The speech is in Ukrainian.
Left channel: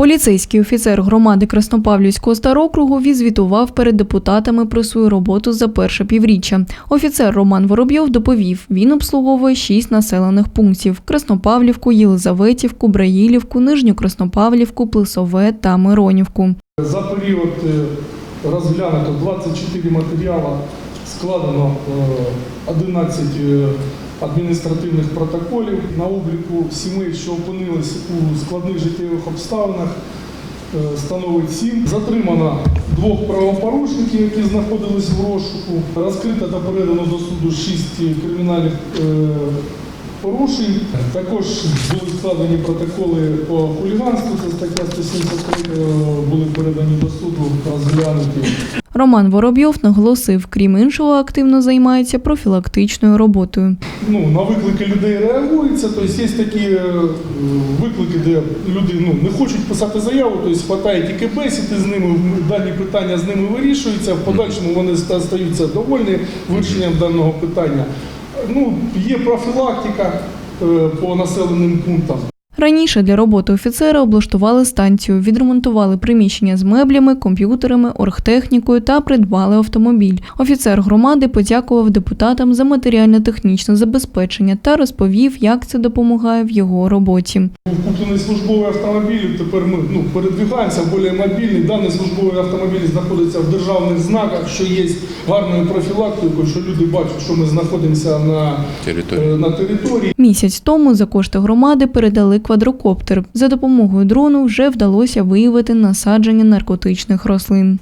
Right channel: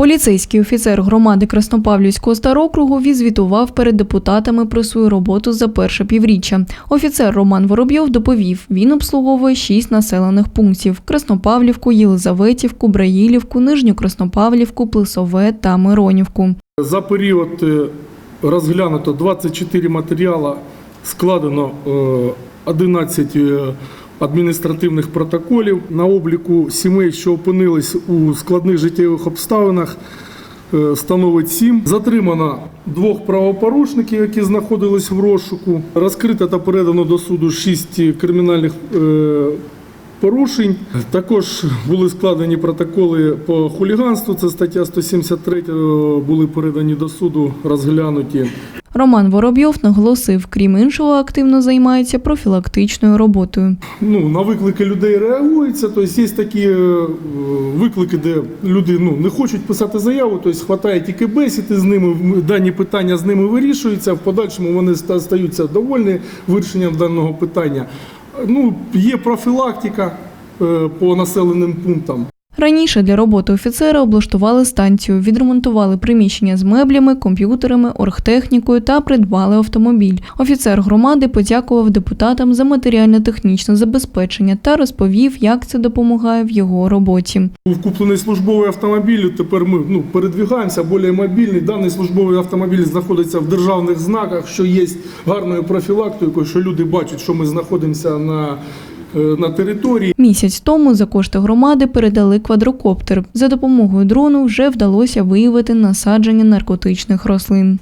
Поліцейський офіцер громади Краснопавлівського старокругу відзвітував перед депутатами про свою роботу за перше півріччя. Офіцер Роман Воробйов доповів, він обслуговує шість населених пунктів: Краснопавлівку, Єлизаветівку, Браїлівку, Нижню Краснопавлівку, Плесове та Миронівку. За період е, розглянуто 24 матеріали, складено е, 11 е, адміністративних протоколів на обліку сімей, що опинились у складних життєвих обставинах. е, Становить 7. Затримано двох правопорушників, які знаходились в розшуку. Розкрито та передано до суду 6 кримінальних е, порушень. Також були складені протоколи по хуліганству. Це стаття 173, е, були передані до суду, розглянуті. Роман Воробйов наголосив, крім іншого, активно займається профілактичною роботою. Ну, на виклики людей реагується. Тобто є такі е, виклики, де люди ну, не хочуть писати заяву, тобто хватає тільки бесіди з ними, дані питання з ними вирішуються. В подальшому вони стаються довольні вирішенням даного питання. Ну, є профілактика е, по населеним пунктам. Раніше для роботи офіцера облаштували станцію, відремонтували приміщення з меблями, комп'ютерами, оргтехнікою та придбали автомобіль. Офіцер громади подякував депутатам за матеріально-технічне забезпечення та розповів, як це допомагає в його роботі. Був куплений службовий автомобіль. Тепер ми ну, передвигаємося більш мобільний. Даний службовий автомобіль знаходиться в державних знаках, що є гарною профілактикою, що люди бачать, що ми знаходимося на Територія. е, на території. Місяць тому за кошти громади передали квадрокоптер. За допомогою дрону вже вдалося виявити насадження наркотичних рослин.